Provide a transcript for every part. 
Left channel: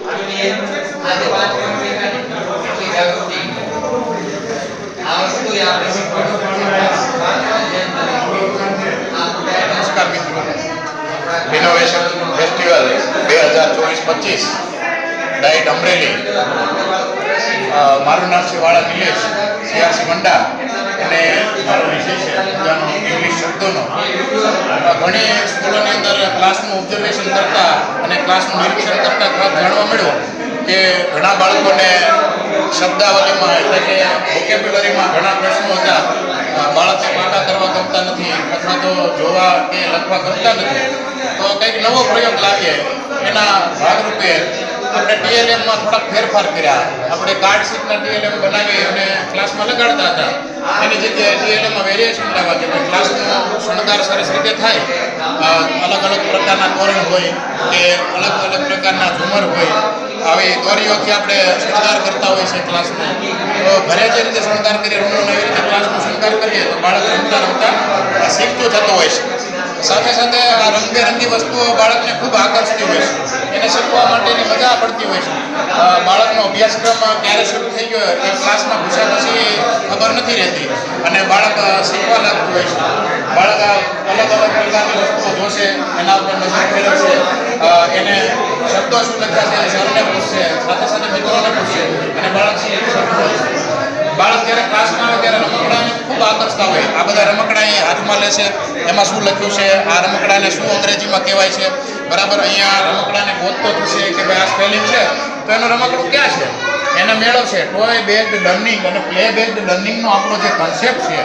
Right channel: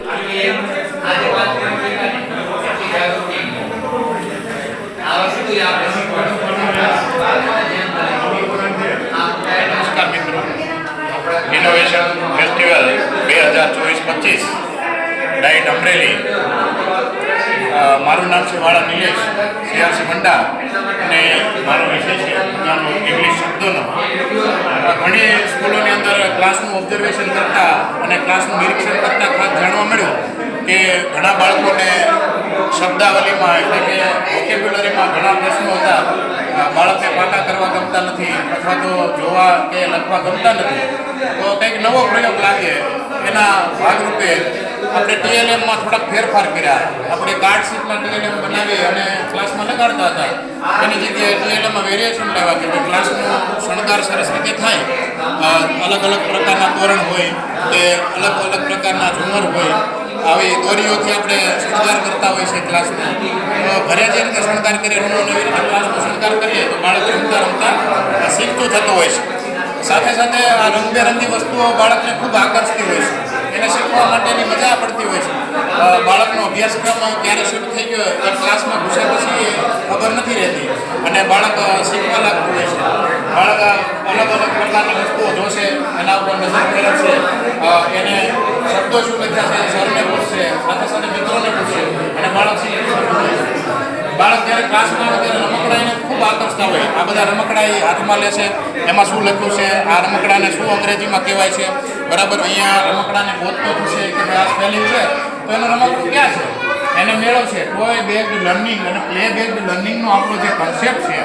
નમસ્કાર મિત્રો, innovation festival 2024-25 diet Amreli. મારું નામ છે વાળા નિલેશ સીઆરસી મંડા અને મારો વિષય છે ઇંગ્લિશ શબ્દોનો. ઘણી સ્કૂલોની અંદર ક્લાસનું ઓબ્ઝર્વેશન કરતાં અને ક્લાસનું નિરીક્ષણ કરતાં ખાસ જાણવા મળ્યું કે ઘણા બાળકોને શબ્દાવલીમાં એટલે કે વોકેબ્યુલરીમાં ઘણા પ્રશ્નો હતા. બાળકને પાકા કરવા ગમતા નથી અથવા તો જોવા કે લખવા ગમતા નથી. તો કંઈક નવો પ્રયોગ લાવીએ એના ભાગરૂપે આપણે ટીએલએમમાં થોડાક ફેરફાર કર્યા. આપણે કાર્ડ શીટમાં ટીએલએમ બનાવી અને ક્લાસમાં લગાડતા હતા. એની જગ્યાએ ટીએલએમમાં વેરિએશન લેવા કે ક્લાસનો શણગાર સરસ રીતે થાય. અલગ અલગ પ્રકારના તોરણ હોય કે અલગ અલગ પ્રકારના ઝુમર હોય, આવી દોરીઓથી આપણે શણગાર કરતા હોય છે ક્લાસનો. તો ઘરે જે રીતે શણગાર કરીએ રૂમોને એવી રીતે ક્લાસનો શણગાર કરીએ તો બાળક રમતા રમતા શીખતું થતું હોય છે. સાથે સાથે આ રંગબેરંગી વસ્તુઓ બાળકને ખૂબ આકર્ષતી હોય છે. એને શીખવા માટેની મજા પડતી હોય છે. બાળકનો અભ્યાસક્રમ ક્યારે શરૂ થઈ ગયો એ ક્લાસમાં ઘૂસ્યા પછી ખબર નથી રહેતી અને બાળક શીખવા લાગતું હોય છે. બાળક અલગ અલગ પ્રકારની વસ્તુઓ જોશે, એના ઉપર નજર ફેરવશે, એને શબ્દો શું લખ્યા છે સરને પૂછશે, સાથે સાથે મિત્રોને પૂછશે અને બાળક શીખતું હોય છે. બાળક જ્યારે ક્લાસમાં આવે ત્યારે રમકડાને ખૂબ આકર્ષતા હોય. આ બધા રમકડા એ હાથમાં લેશે, એમાં શું લખ્યું છે, આ રમકડાને શું અંગ્રેજીમાં કહેવાય છે, બરાબર અહીંયા રમકડાને ગોતતો થશે કે ભાઈ આ સ્પેલિંગ છે તો એનું રમકડું ક્યાં છે, એને મેળવશે. ટોય બેઝડ લર્નિંગ અને પ્લે બેઝડ લર્નિંગનો આપણો જે કન્સેપ્ટ છે,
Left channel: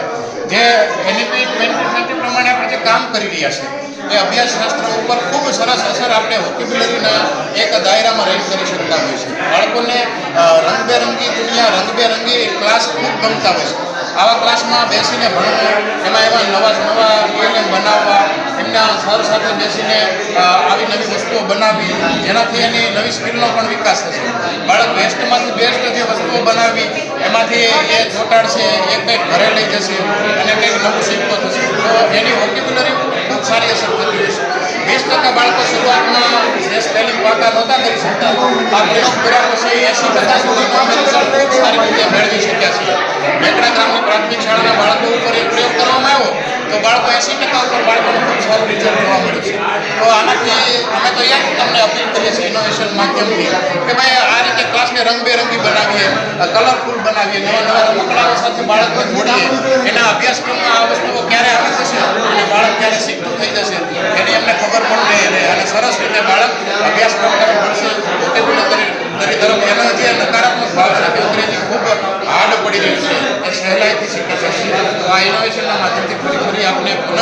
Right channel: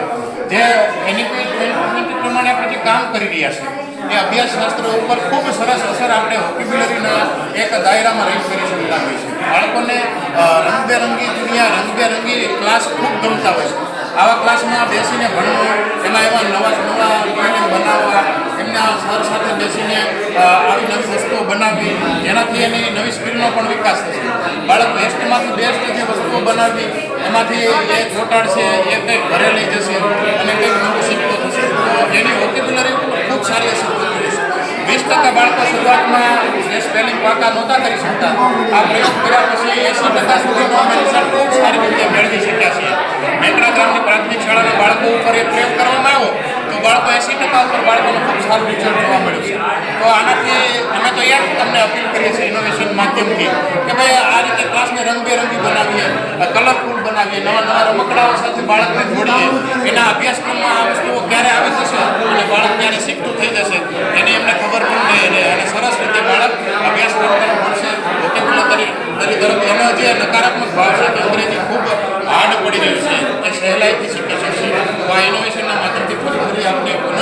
જે એનઈપી 2020 પ્રમાણે આપણે જે કામ કરી રહ્યા છે એ અભ્યાસશાસ્ત્ર ઉપર ખૂબ સરસ અસર આપણે વોકેબ્યુલરીના એક દાયરામાં રહી કરી શકતા હોય છે. બાળકોને રંગબેરંગી દુનિયા, રંગબેરંગી ક્લાસ ખૂબ ગમતા હોય છે. આવા ક્લાસમાં બેસીને ભણવું, એમાં એવા નવા ટીએલએમ બનાવવા, એમના સર સાથે બેસીને આવી નવી વસ્તુઓ બનાવવી, જેનાથી એની નવી સ્કિલનો પણ વિકાસ થશે. બાળક બેસ્ટમાંથી બેસ્ટ જે વસ્તુઓ બનાવવી એમાંથી એ જોટાડશે, એ કંઈક ઘરે લઈ જશે અને કંઈક નવું શીખતો થશે. તો એની વોકેબ્યુલરી ખૂબ સારી અસર થતી હોય છે. 20% બાળકો શરૂઆતમાં જે સ્પેલિંગ પાકા નહોતા કરી શકતા, આ પ્રયોગ કર્યા પછી 80% સુધીનો અમે રિઝલ્ટ ખૂબ સારી રીતે મેળવી શક્યા છીએ. મેકડા ગ્રામની પ્રાથમિક શાળાના બાળકો ઉપર એ પ્રયોગ કરવામાં આવ્યો તો બાળકો 80% ઉપર બાળકોને ખૂબ સારું રિઝલ્ટ જોવા મળ્યું છે. તો આનાથી અમે તો યાદ તમને અપીલ કરીએ છીએ ઇનોવેશન માધ્યમથી કે ભાઈ આ રીતે ક્લાસને રંગબેરંગી બનાવીએ, કલરફુલ બનાવીએ, નવા નવા રમકડાઓ સાથે બાળકને જોડીએ. એના અભ્યાસક્રમમાં આ વસ્તુઓ ક્યારે આવી જશે અને બાળક ક્યારે શીખતું થઈ જશે એની એમને ખબર પણ નહીં રહે અને સરસ રીતે બાળક અભ્યાસક્રમ તરફ ભણશે. વોકેબ્યુલરી તરફ એનો જે નકારાત્મક ભાવ છે કે અંગ્રેજી ખૂબ હાર્ડ પડી રહ્યું છે એ સહેલાઈથી શીખી શકશે. તો આ ઇનોવેશનના માધ્યમથી ફરી આપણે પુનઃ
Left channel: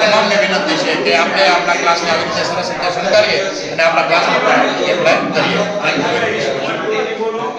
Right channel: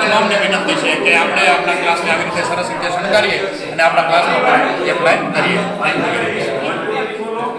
તમામને વિનંતી છે કે આપણે આપણા ક્લાસને આવી રીતે સરસ રીતે શણગારીએ અને આપણા ક્લાસમાં પણ એપ્લાય કરીએ.